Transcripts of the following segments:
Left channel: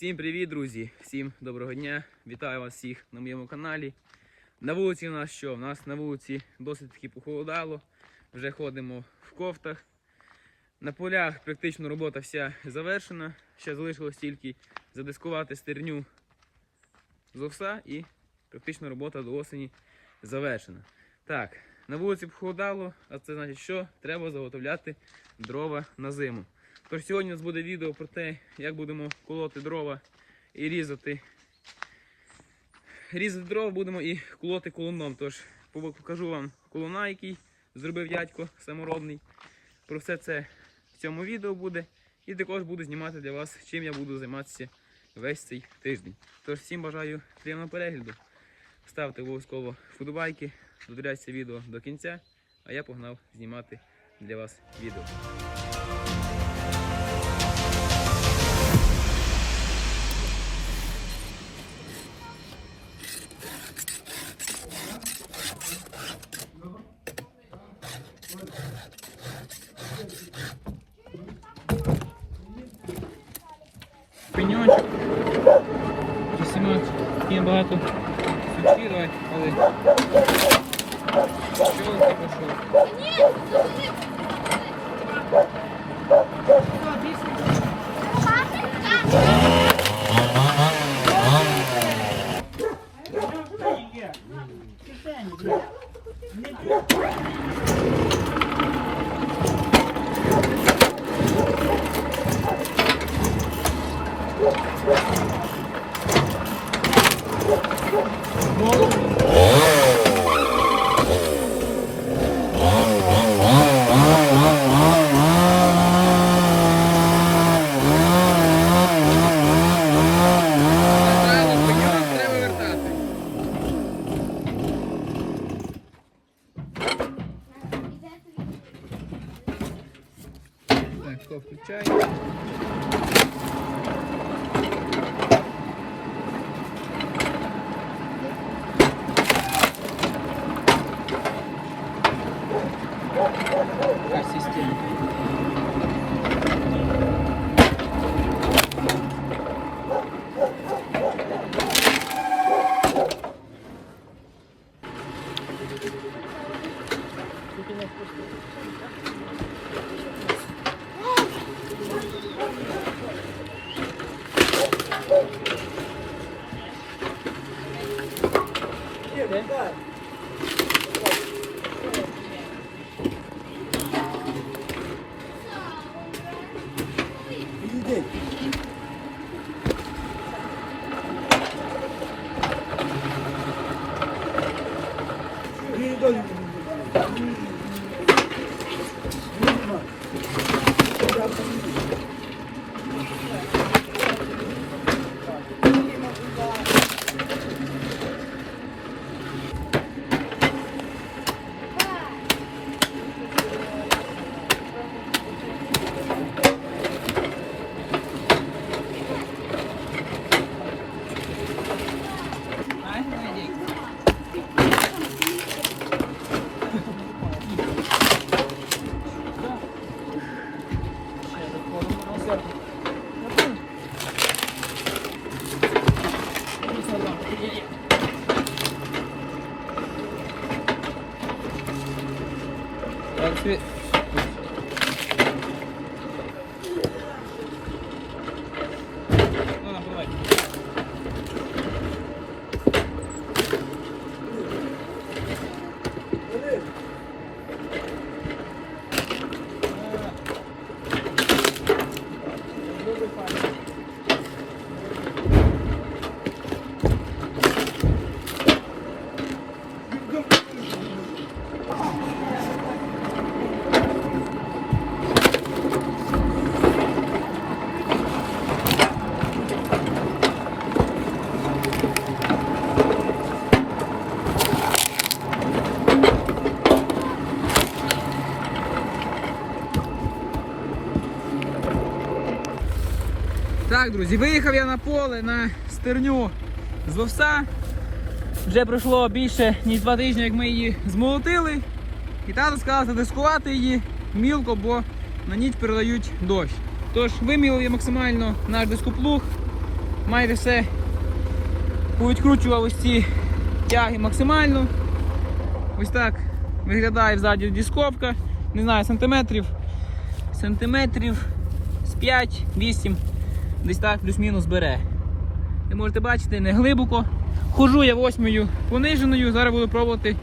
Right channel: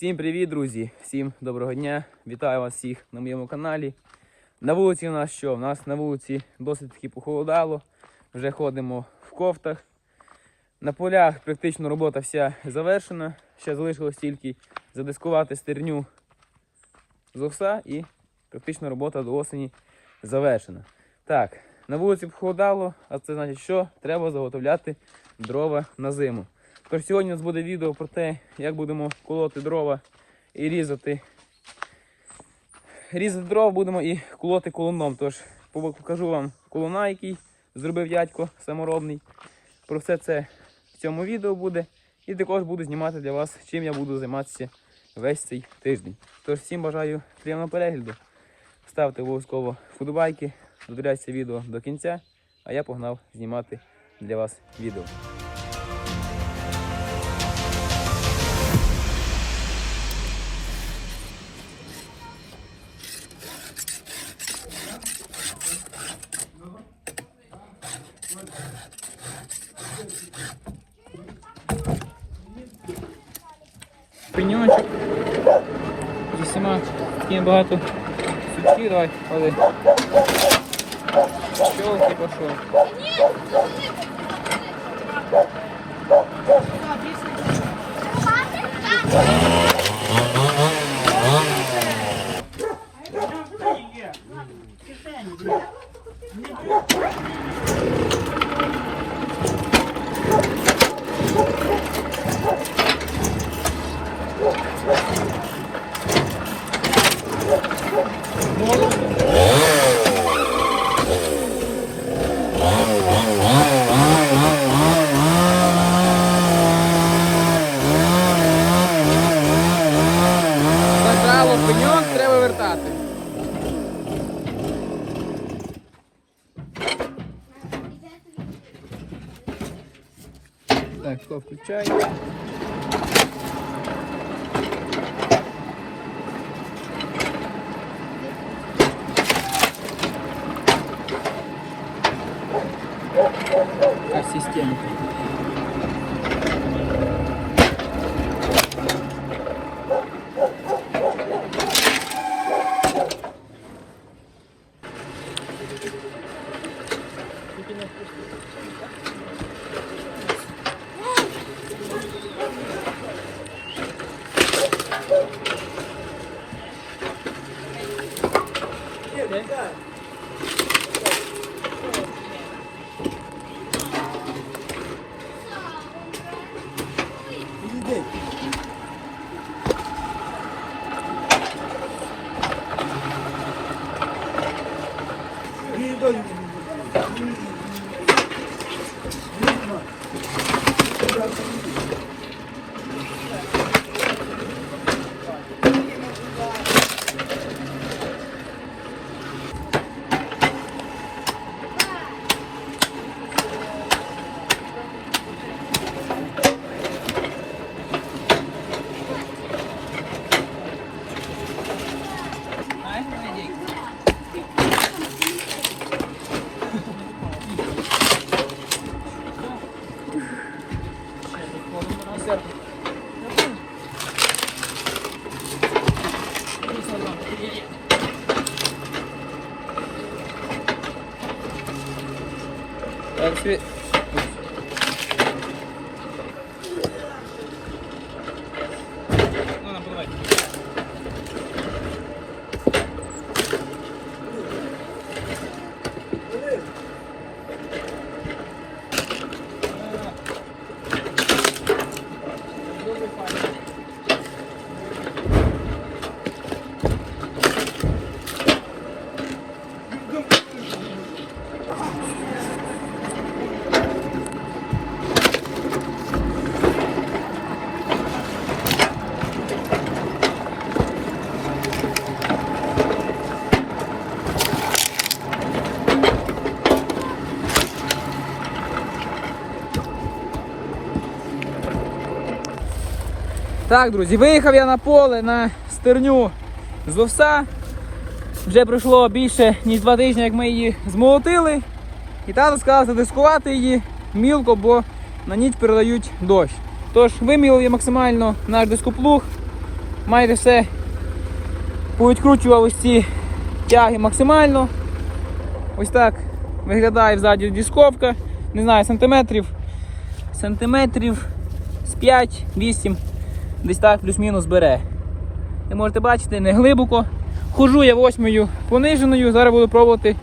Всім привіт, друзі! Всім доброго дня! Вітаю вас всіх на моєму каналі. На вулиці у нас що? У нас на вулиці досить таки похолодало. Вже ходимо в кофтах. На полях практично робота вся завершена. Ще залишилось тільки задискувати стерню з овса і практично робота до осені завершена. Так, на вулиці похолодало, а це значить, що треба заготовляти дрова на зиму. Тож сьогодні у нас буде відео про те, як будемо колоти дрова і різати. Різати дрова будемо і колоти колуном. Тож покажу вам колуна, який зробив дядько саморобний. Про все це в цьому відео буде. І також буду знімати для вас, чим я буду займатися весь цей тиждень. Тож всім бажаю приємного перегляду. Ставте обов'язково вподобайки, додивляйте відео до кінця, а я погнав знімати для вас відео. Багато сучків, давай, ходи. Щелки пошов. Так, друзі, виїхав я на поле на стерню з овса. Вже пройшло більше ніж два тижні, як ми її змолотили. І тато сказав задискувати її мілко, бо на ніч передають дощ. Тож вимілив я максимально наш дископлуг. майже все повідкручував ось ці тяги максимально. Ось так виглядає ззаді дисковка. Не знаю, сантиметрів. Сантиметрів з 5-8. Десь так плюс-мінус бере. Ви можете бачити, не глибоко. Хожу я восьмою пониженою, зараз буду пробувати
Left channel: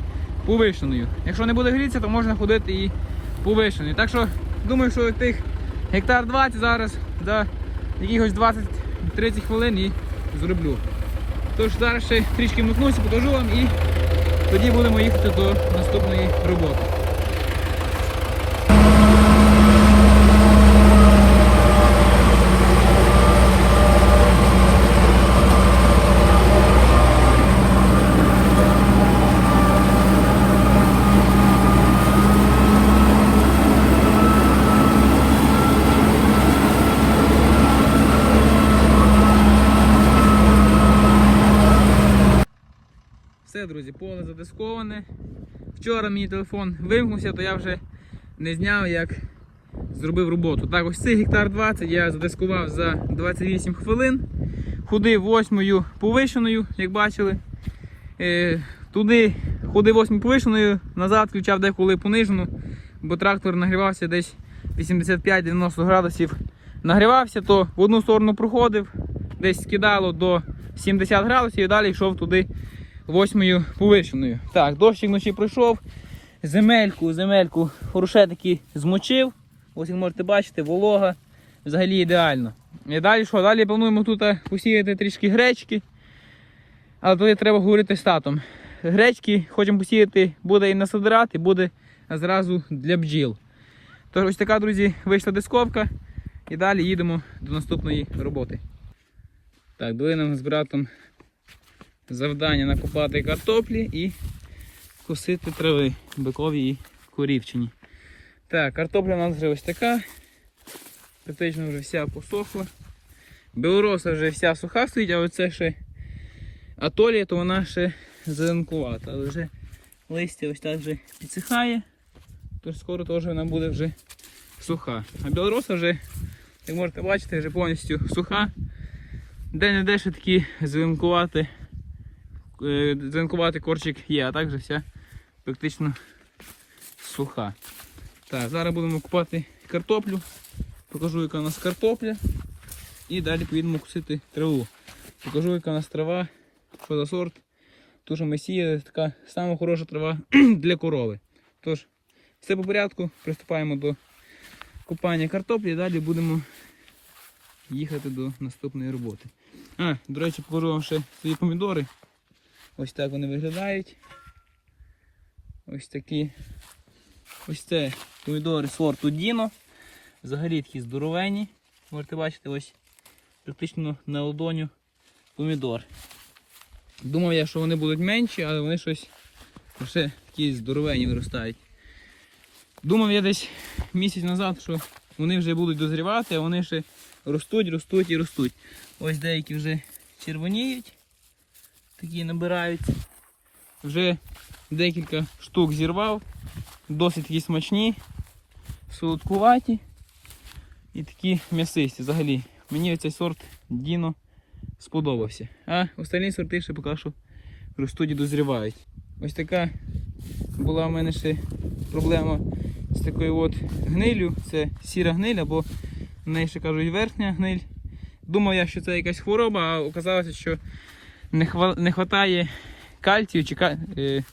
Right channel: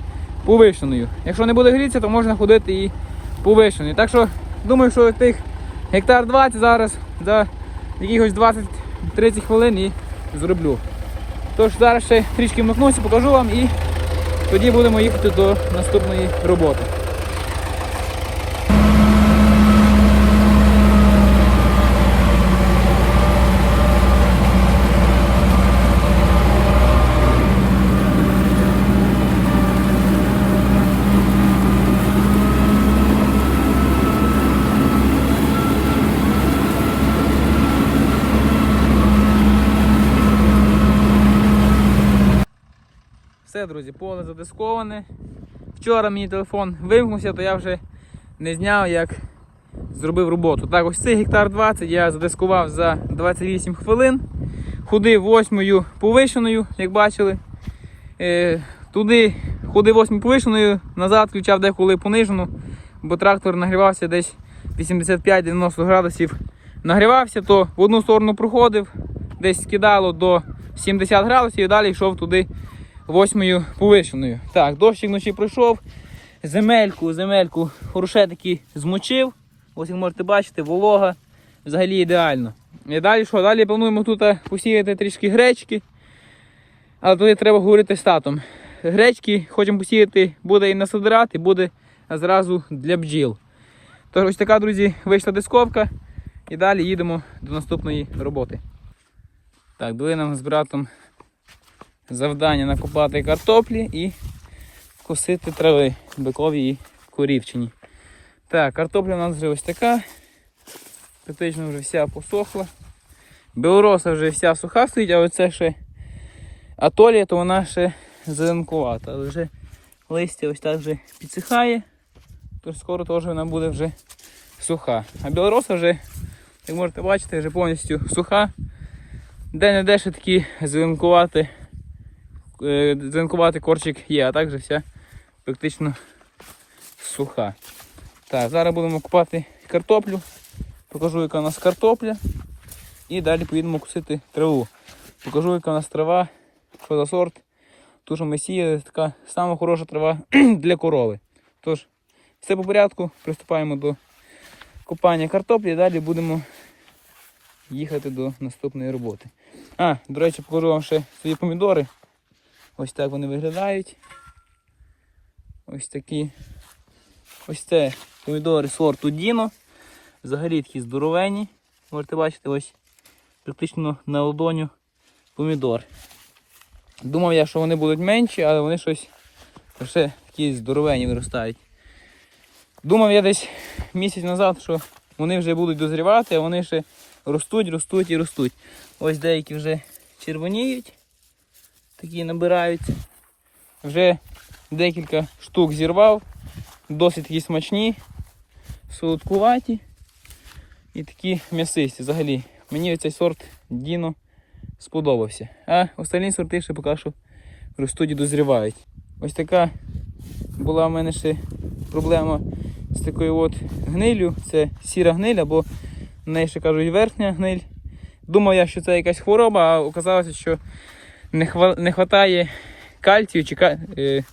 повишеною. Якщо не буде грітися, то можна ходити і повишеною. Так що думаю, що тих гектар 20 зараз за якихось 20-30 хвилин і зроблю. Тож зараз ще трішки вмикнуся, покажу вам і тоді будемо їхати до наступної роботи. Все, друзі, поле задисковане. Вчора мені телефон вимкнувся, то я вже не зняв, як зробив роботу. Так, ось цей гектар 20 я задискував за 28 хвилин. Ходив восьмою повишеною, як бачили. Е, туди ходив восьмою повишеною, назад включав деколи понижену, бо трактор нагрівався десь 85-90 градусів. Нагрівався, то в одну сторону проходив, десь скидало до 70 градусів і далі йшов туди восьмою повишеною. Так, дощик вночі пройшов. Земельку, земельку хороше таки змочив. Ось як можете бачити, волога взагалі ідеально. І далі що? Далі плануємо тут е, посіяти трішки гречки. Але тоді треба говорити з татом. Гречки хочемо посіяти, буде і на і буде зразу для бджіл. Тож ось така, друзі, вийшла дисковка. І далі їдемо до наступної роботи. Так, дали нам з братом завдання накопати картоплі і косити трави бикові і корівчині. Так, картопля у нас вже ось така. Практично вже вся посохла. Білороса вже вся суха стоїть, а оце ще атолія, то вона ще зеленкувата. Але вже листя ось так вже підсихає, тож скоро теж вона буде вже суха. А білороса вже, як можете бачити, вже повністю суха. Де-не-де ще такі зеленкувати е, корчик є, а так же вся практично суха. Так, зараз будемо купати картоплю. Покажу, яка у нас картопля. І далі поїдемо кусити траву. Покажу, яка у нас трава, що за сорт. Ту, що ми сіяли, така сама хороша трава для корови. Тож, все по порядку, приступаємо до купання картоплі далі будемо їхати до наступної роботи. А, до речі, покажу вам ще свої помідори. Ось так вони виглядають. Ось такі. Ось це помідори сорту Діно. Взагалі такі здоровені. Можете бачити, ось практично на ладоню помідор. Думав я, що вони будуть менші, але вони щось ще такі здоровені виростають. Думав я десь місяць назад, що вони вже будуть дозрівати, а вони ще ростуть, ростуть і ростуть. Ось деякі вже червоніють такі набираються. Вже декілька штук зірвав, досить такі смачні, солодкуваті і такі м'ясисті взагалі. Мені цей сорт Діно сподобався. А останні сорти ще поки що ростуть і дозрівають. Ось така була в мене ще проблема з такою от гнилю. Це сіра гниль, або в неї ще кажуть верхня гниль. Думав я, що це якась хвороба, а оказалося, що не хва... не хватає кальцію, чи ка... е...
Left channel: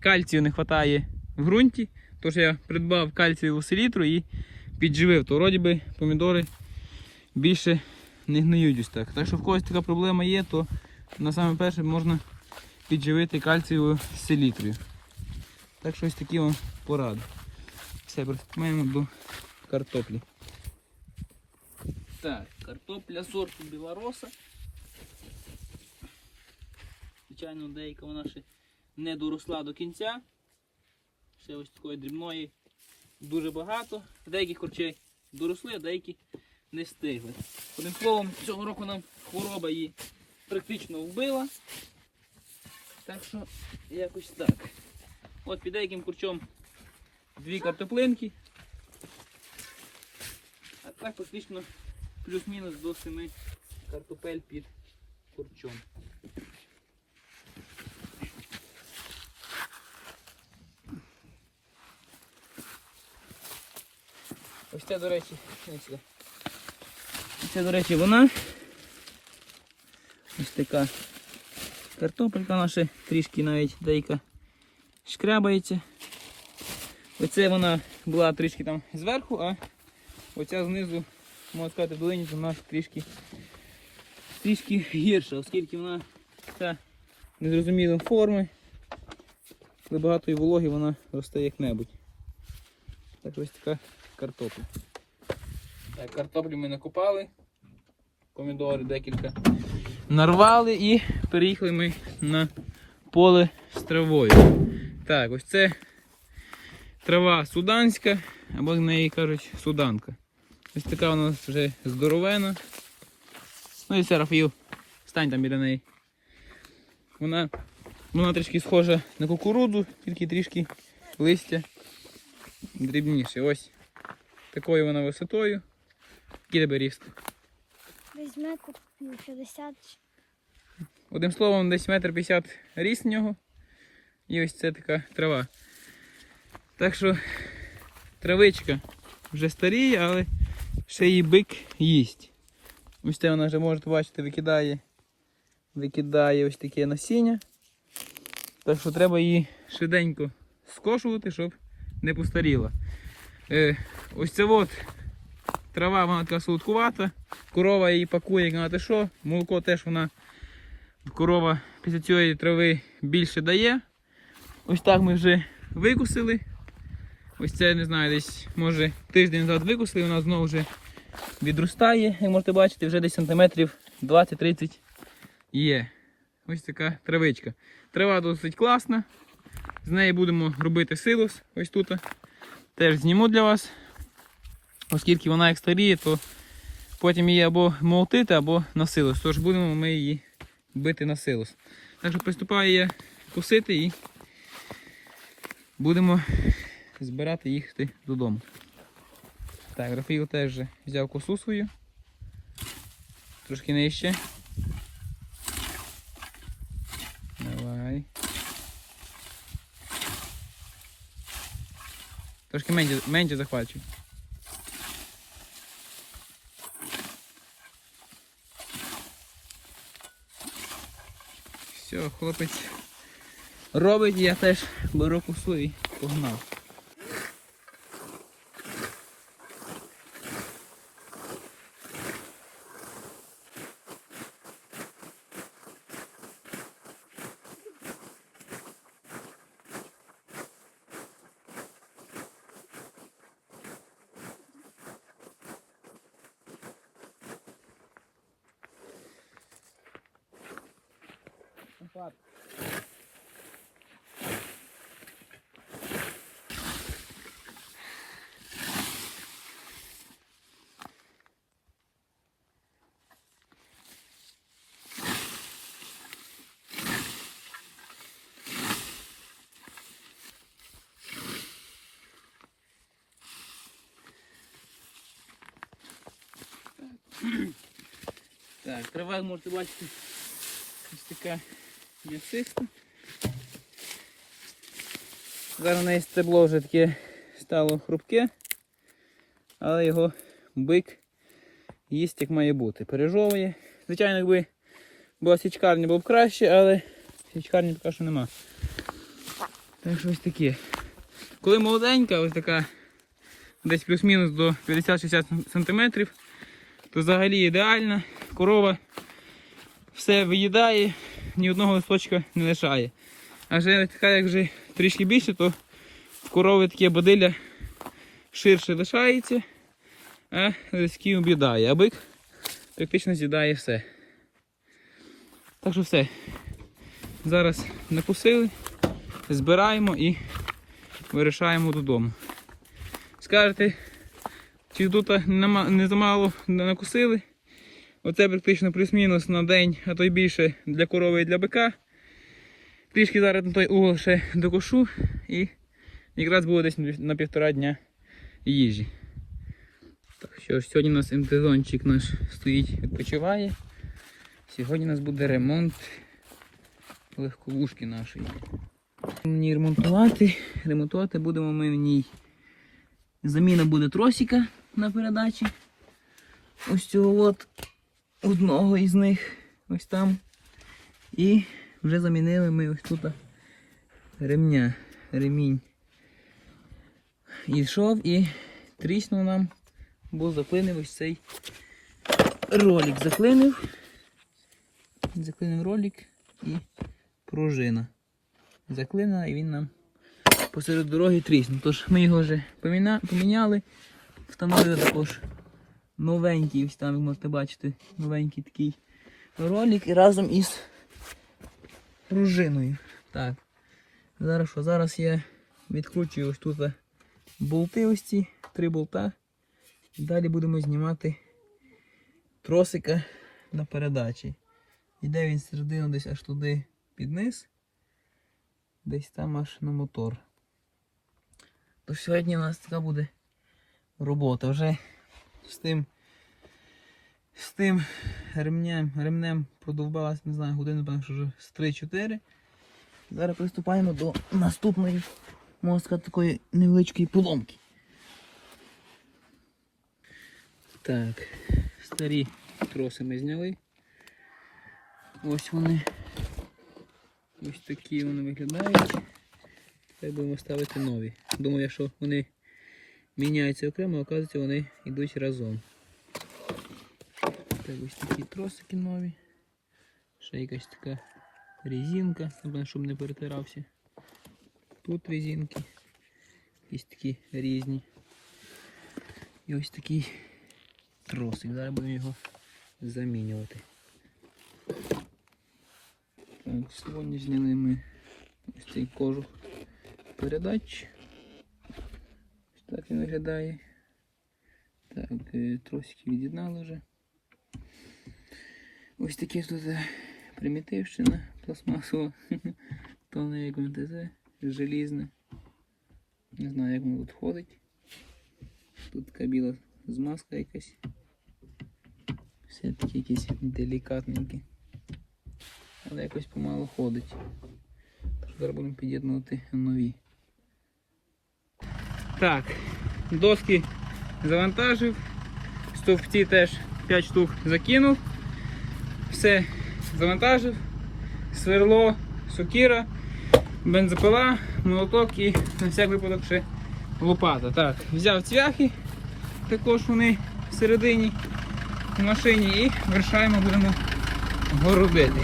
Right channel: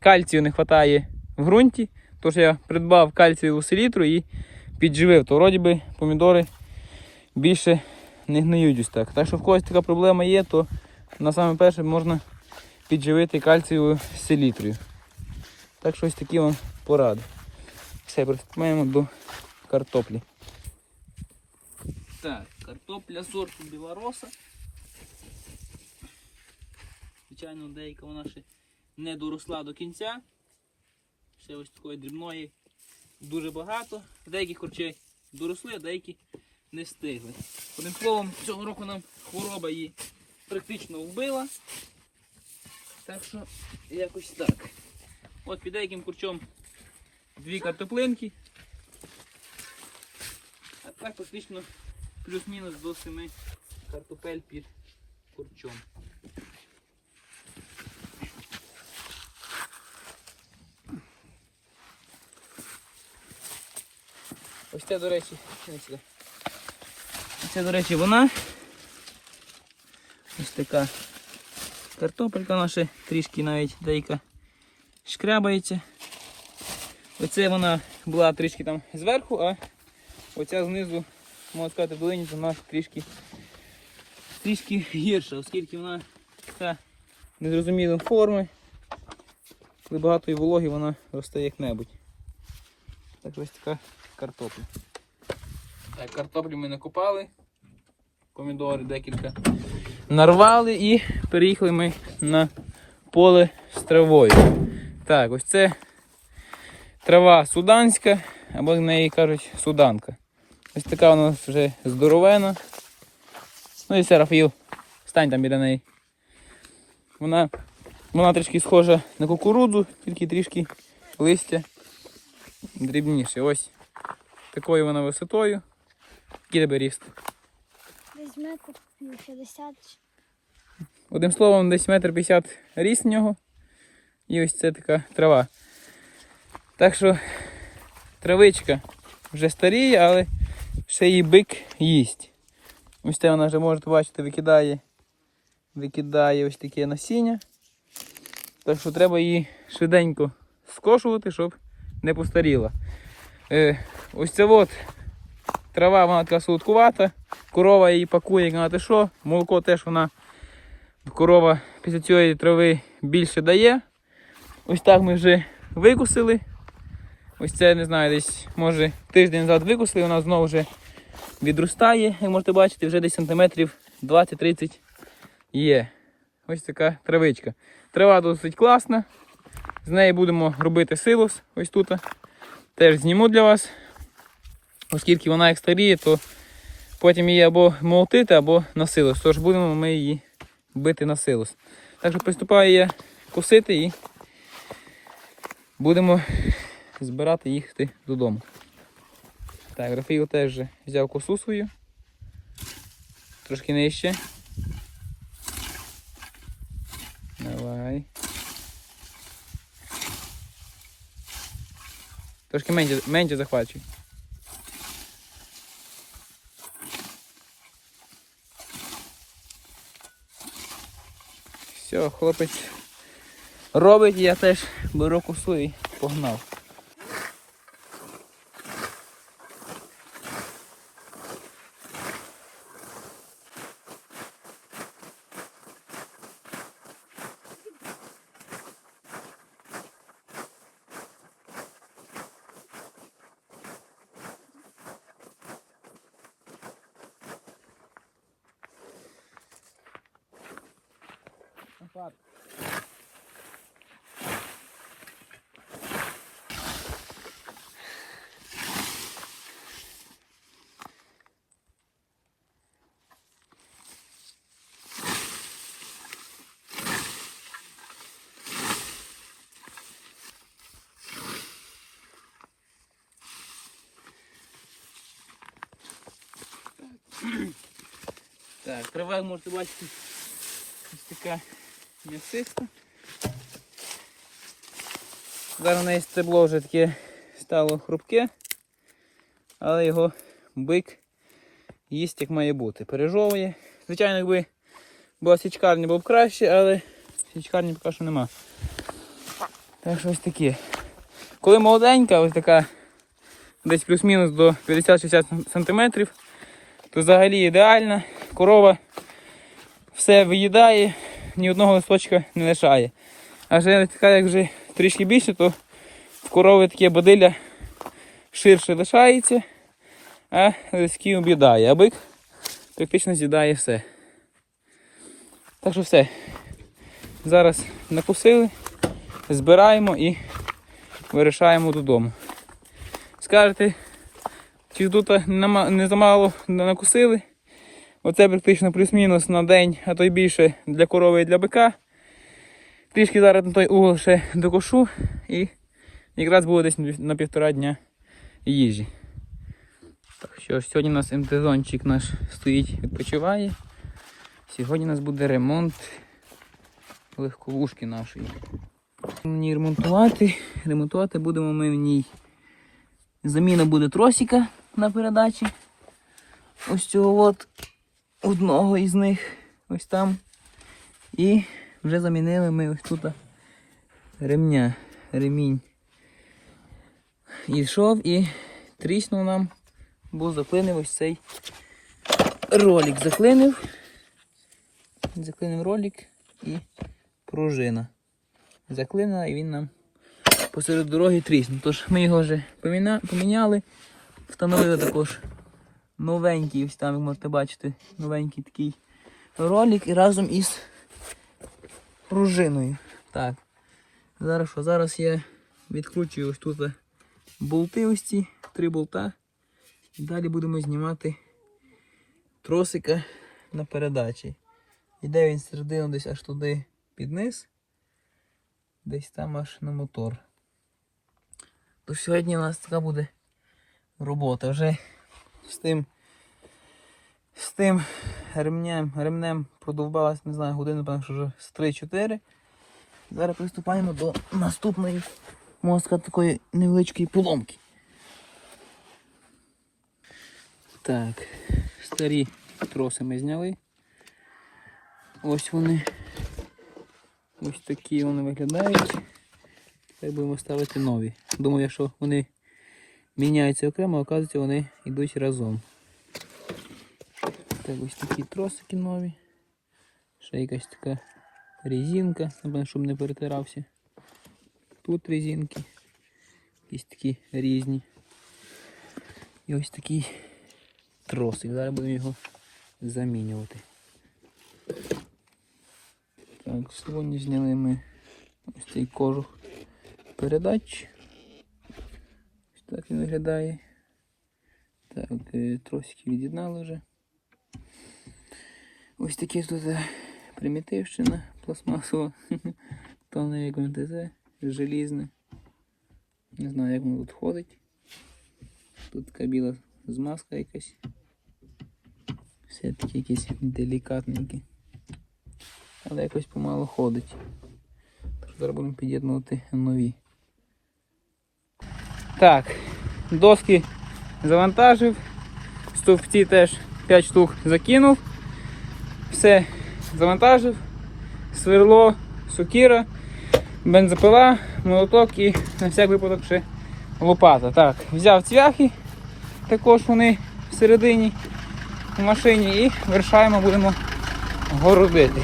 кальцію не хватає в ґрунті. Тож я придбав кальцієву селітру і підживив. То вроді би помідори більше не гниють ось так. Так що в когось така проблема є, то на саме перше можна підживити кальцієвою селітрою. Так що ось такі вам поради. Все, приступаємо до картоплі. Так, картопля сорту білороса. Звичайно, деяка вона ще не доросла до кінця. Ще ось такої дрібної дуже багато. Деякі корчі доросли, а деякі не встигли. Одним словом, цього року нам хвороба її практично вбила. Так що якось так. От під деяким курчом дві картоплинки. А так практично плюс-мінус до семи картопель під курчом. Ось це, до речі. Це, до речі, вона. Ось така картопелька наша, трішки навіть деяка шкрябається. Оце вона була трішки там зверху, а оця знизу, можна сказати, долині вона трішки, трішки гірша, оскільки вона така незрозумілої форми. Коли багато і вологи, вона росте як-небудь. Так ось така картопля. Так, картоплю ми накопали, помідори декілька нарвали і переїхали ми на поле з травою. Так, ось це трава суданська, або в неї кажуть суданка. Ось така у нас вже здоровена. Ну і все, Рафаїл, стань там біля неї. Вона, вона трішки схожа на кукурудзу, тільки трішки листя дрібніше. Ось такою вона висотою. Який тебе ріст? Десь метр 50. Одним словом, десь метр п'ятдесят ріст в нього. І ось це така трава. Так що травичка вже старіє, але ще її бик їсть. Ось це вона вже можете бачити, викидає, викидає ось таке насіння. Так що треба її швиденько скошувати, щоб не постаріла. Е, ось це от трава, вона така солодкувата. Корова її пакує, як на те що. Молоко теж вона корова після цієї трави більше дає. Ось так ми вже викусили. Ось це, не знаю, десь може тиждень назад викусили, вона знову вже відростає, як можете бачити, вже десь сантиметрів 20-30 є. Ось така травичка. Трава досить класна. З неї будемо робити силос ось тут. Теж зніму для вас. Оскільки вона як старіє, то потім її або молотити, або на силос. Тож будемо ми її бити на силос. Так що приступаю я косити і будемо збирати їхати додому. Так, Рафаїл теж взяв косу свою. Трошки нижче. Давай. Трошки менше, менше захвачуй. Все, хлопець робить, я теж беру косу і погнав. Так, трава можете бачити ось така м'ясиста. Зараз на неї стебло вже таке стало хрупке, але його бик їсть як має бути. Пережовує. Звичайно, якби була січкарня, було б краще, але січкарні поки що нема. Так що ось таке. Коли молоденька, ось така десь плюс-мінус до 50-60 см, то взагалі ідеальна. Корова все виїдає, ні одного листочка не лишає. А вже така, як вже трішки більше, то в корови таке бодилля ширше лишається, а лиський об'їдає. А бик практично з'їдає все. Так що все. Зараз накусили, збираємо і вирішаємо додому. Скажете, чи нема- не замало накусили? Оце практично плюс-мінус на день, а то й більше для корови і для бика. Трішки зараз на той угол ще докошу і якраз буде десь на півтора дня їжі. Так що ж, сьогодні у нас МТ-зончик наш стоїть, відпочиває. Сьогодні у нас буде ремонт легковушки нашої. Мені ремонтувати. Ремонтувати будемо ми в ній. Заміна буде тросика на передачі. Ось цього от одного із них. Ось там. І вже замінили ми ось тут ремня. Ремінь. І йшов і тріснув нам, бо заклинив ось цей ролик. Заклинив. Заклинив ролик і пружина. Заклинила і він нам посеред дороги тріснув. Тож ми його вже поміняли, встановили також новенький, ось там ви можете бачити, новенький такий ролик і разом із пружиною. Так. Зараз що? Зараз я відкручую ось тут болти ось ці, три болта. І далі будемо знімати тросика на передачі. Іде він середину десь аж туди під низ. Десь там аж на мотор. Тож сьогодні у нас така буде робота. Вже з тим з тим ремнем, ремнем продовбалась, не знаю, годину, певно, що вже з 3-4. Зараз приступаємо до наступної можна такої невеличкої поломки. Так, старі троси ми зняли. Ось вони. Ось такі вони виглядають. Тепер будемо ставити нові. Думаю, що вони міняються окремо, оказується вони йдуть разом. Так, ось такі тросики нові. Ще якась така резинка, щоб не перетирався. Тут резинки. Якісь такі різні. І ось такий тросик. Зараз будемо його замінювати. Так, сьогодні зняли ми ось цей кожух передач. Так він виглядає. Так, е, тросики від'єднали вже. Ось такі тут е, примітивщина пластмасова. Тонне як МТЗ, желізне. Не знаю, як воно тут ходить. Тут така біла змазка якась. Все таки якісь делікатненькі. Але якось помало ходить. Зараз будемо під'єднувати нові. Так, доски завантажив. Стовпці теж 5 штук закинув. Все завантажив. Сверло, сукіра, бензопила, молоток і на всяк випадок ще лопата. Так, взяв цвяхи, також вони всередині в машині і вирішаємо, будемо городити.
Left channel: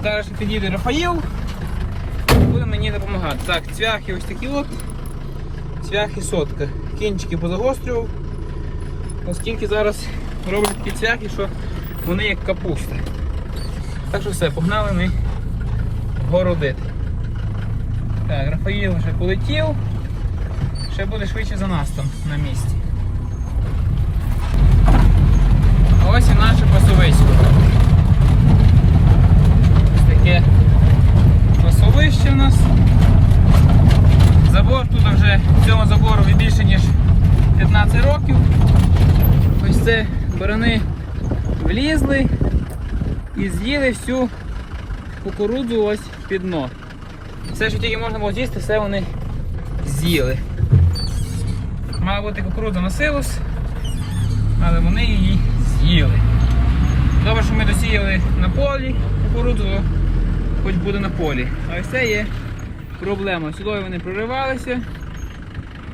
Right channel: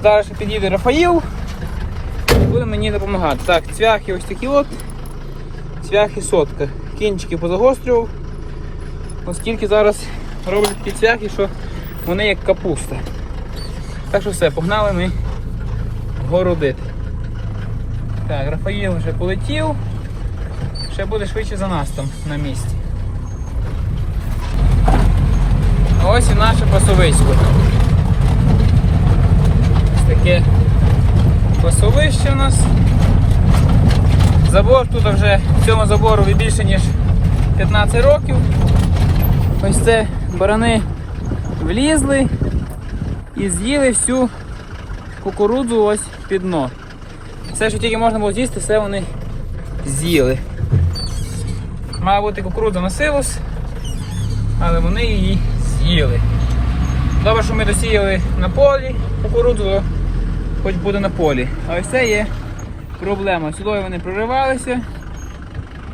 Ще під'їде Рафаїл і буде мені допомагати. Так, цвяхи ось такі от. Цвяхи сотка. Кінчики позагострював, оскільки зараз роблять такі цвяхи, що вони як капуста. Так що все, погнали ми городити. Так, Рафаїл вже полетів. Ще буде швидше за нас там на місці. Ось і наше пасовисько. Ось таке пасовище у нас. Забор тут вже цьому забору більше ніж 15 років. Ось це барани влізли і з'їли всю кукурудзу ось під дно. Все, що тільки можна було з'їсти, все вони з'їли. Має бути кукурудза на силос, але вони її з'їли. Добре, що ми досіяли на полі кукурудзу, хоч буде на полі. А ось це є проблема. Сюди вони проривалися.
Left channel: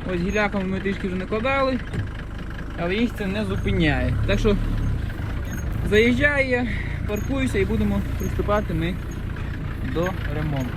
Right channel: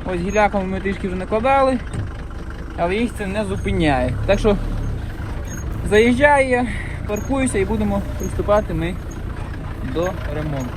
Ось гіляками ми трішки вже накладали, але їх це не зупиняє. Так що заїжджаю я, паркуюся і будемо приступати ми до ремонту.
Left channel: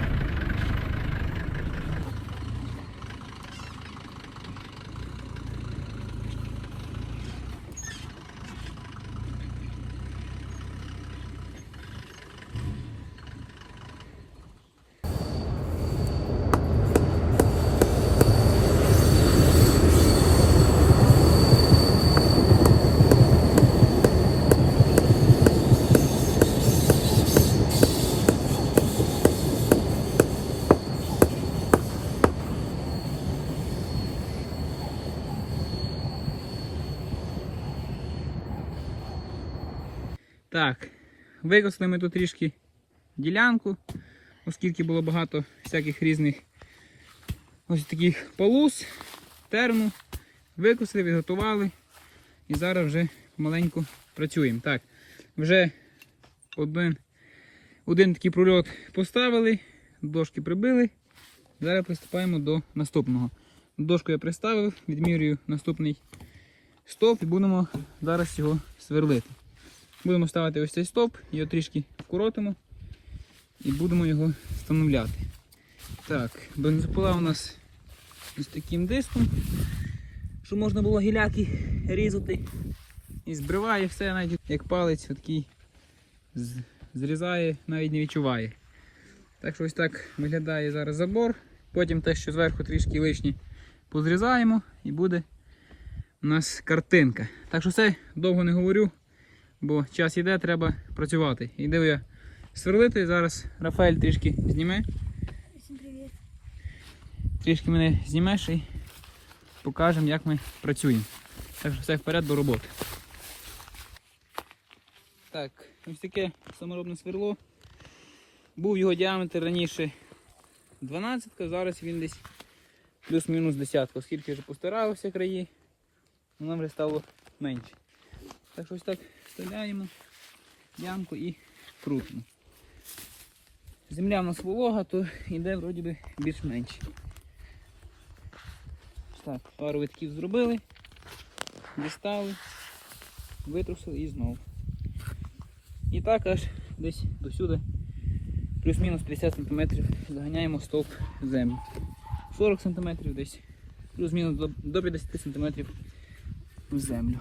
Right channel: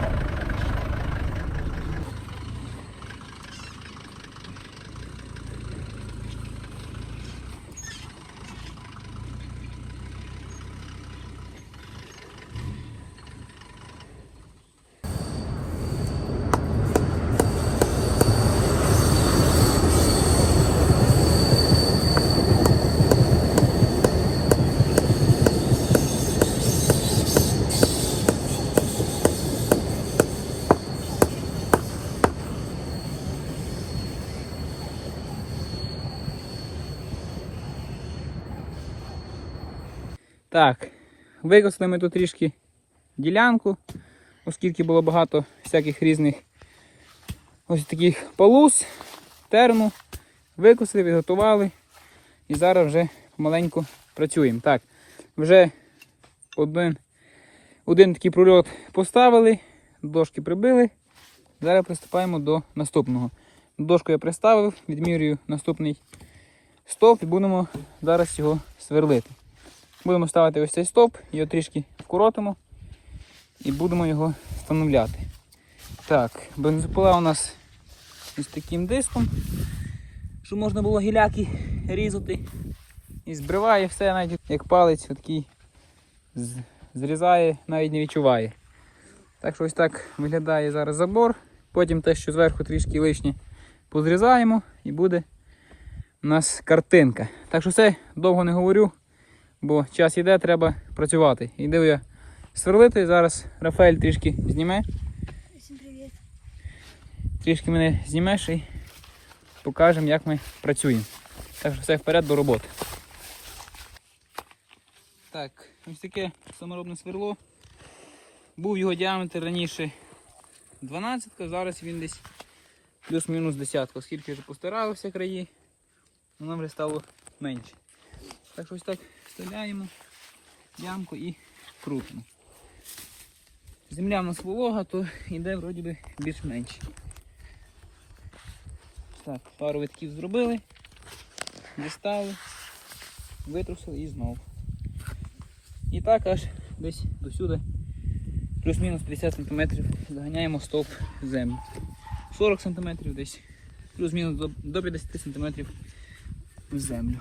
Так, викосли ми тут трішки ділянку, оскільки було багато всяких різних ось таких полус, терну. Викосили, підготували. І зараз вже помаленьку працюємо. Так, вже один, один такий прольот поставили, дошки прибили. Зараз приступаємо до наступного. Дошку я приставив, відмірюю наступний стовп і будемо зараз його сверлити. Будемо ставити ось цей стовп, його трішки вкоротимо і будемо його встановляти. Так, бензопила у нас із таким диском, щоб можна було гіляки різати. І збриває все, навіть як палець такий зрізає, навіть не відчуває. Так що ось так виглядає зараз забор. Потім те, що зверху трішки лишнє позрізаємо і буде у нас картинка. Так що все, довго не говорю, бо час йде, треба працювати. Йду я сверлити. Зараз Рафаель трішки зніме. Трішки мене знімеш і покажемо, як ми працюємо. Так що все вперед до роботи. Так, ось таке саморобне сверло. Був його діаметр раніше 12, зараз він десь плюс-мінус 10, оскільки вже постаралися краї, воно вже стало менше. Так що ось так вставляємо ямку і крутимо. Земля в нас волога, то йде вроді би більш-менш. Так, пару витків зробили, дістали, витрусили і знову. І так аж десь до сюди, плюс-мінус 50 см заганяємо стовп в землю. 40 см десь, плюс-мінус до 50 см в землю.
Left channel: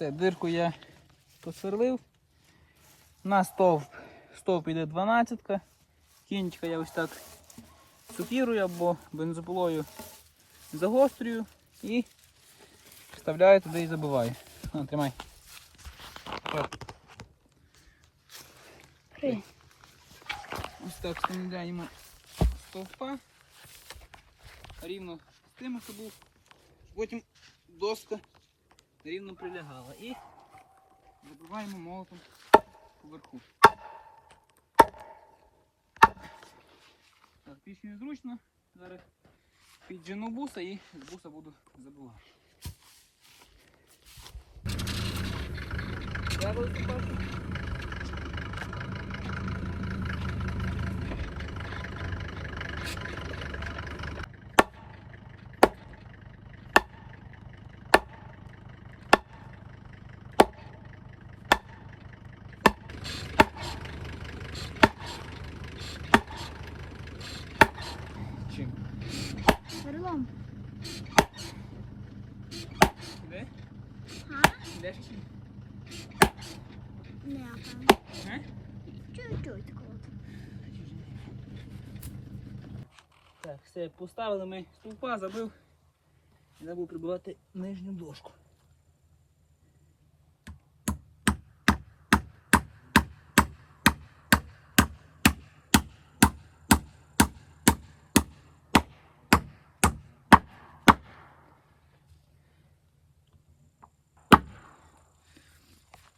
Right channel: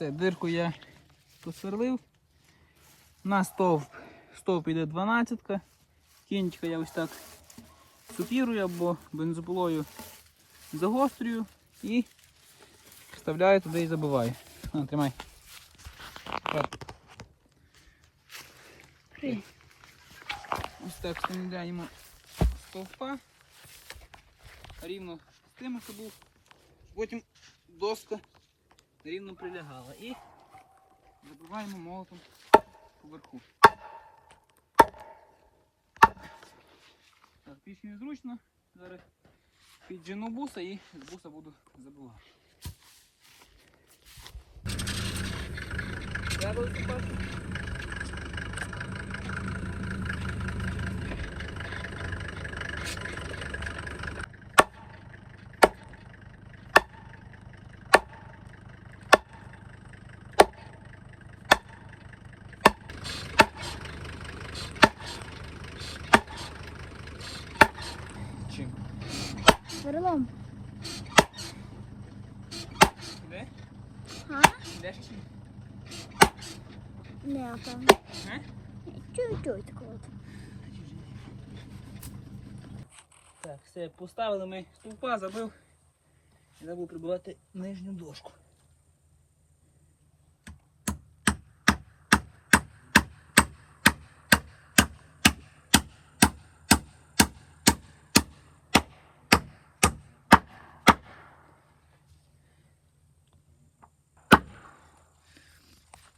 Все, дирку я посверлив. На стовп, стовп іде 12. Кінчика я ось так супірую або бензопилою загострюю і вставляю туди і забиваю. На, тримай. Так, ось так встановляємо стовпа. Рівно з тим, що був. Потім доска рівно прилягала. І забиваємо молотом поверху. Так, пісню незручно. Зараз піджену буса і з буса буду забивати. Треба висипати. Чим? Сверлом. Іде? А? Ідеш чи? ні? Не, там. Га? Так, все, поставили ми стовпа, забив. Забув прибивати нижню дошку.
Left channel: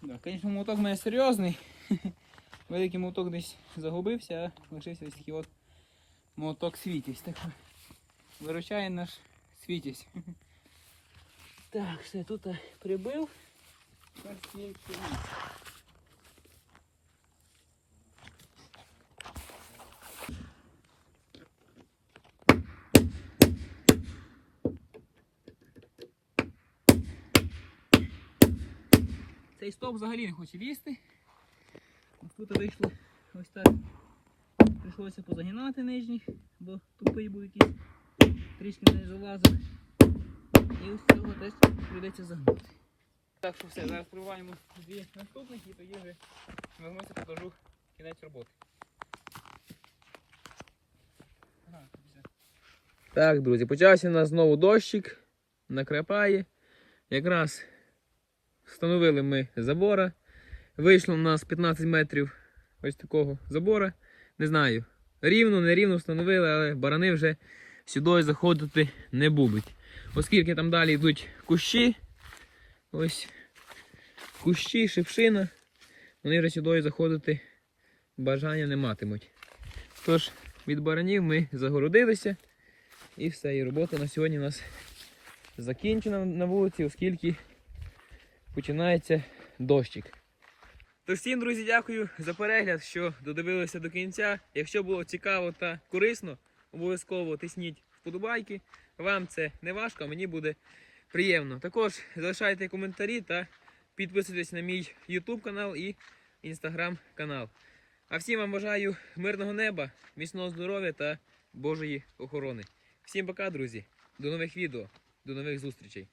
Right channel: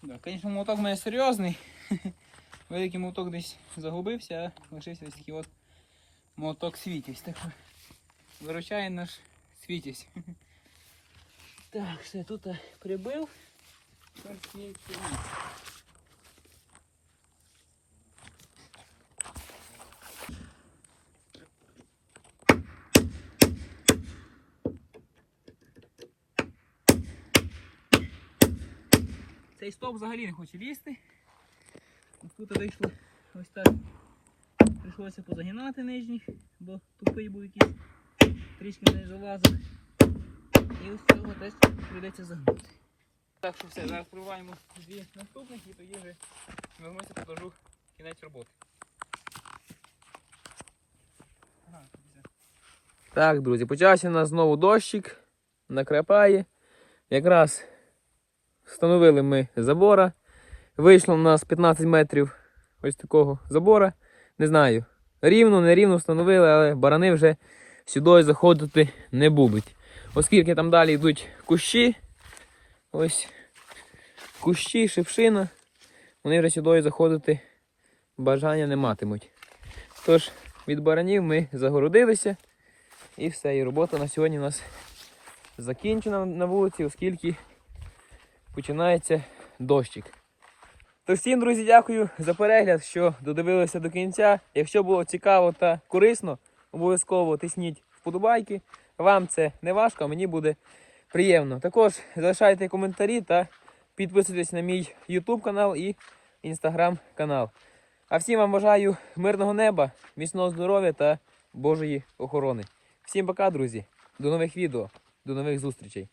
Так, звісно, молоток у мене серйозний. Великий молоток десь загубився, а лишився ось такий от молоток світязь. Так виручає наш світязь. Так, все, тут прибив. Цей стовп взагалі не хоче лізти. Тут вийшло ось так. Прийшлося позагинати нижніх, бо тупий був якийсь трішки не залазив. І ось цього теж прийдеться загнути. Так що все, зараз пробуваємо дві наступних і тоді вже вернуся, покажу кінець роботи. Так, друзі, почався у нас знову дощик, накрапає. Якраз встановили ми забора. Вийшло у нас 15 метрів ось такого забора. Не знаю, рівно, не рівно встановили, але барани вже сюди заходити не будуть. Оскільки там далі йдуть кущі, ось кущі, шипшина, вони вже сюди заходити бажання не матимуть. Тож, від баранів ми загородилися. І все, і робота на сьогодні у нас закінчена на вулиці, оскільки починається дощик. Тож всім, друзі, дякую за перегляд, що додивилися до кінця. Якщо було цікаво та корисно, обов'язково тисніть вподобайки. Вам це не важко, а мені буде приємно. Також залишайте коментарі та підписуйтесь на мій YouTube канал і Instagram канал. А всім вам бажаю мирного неба, міцного здоров'я та Божої охорони. Всім пока, друзі. До нових відео, до нових зустрічей.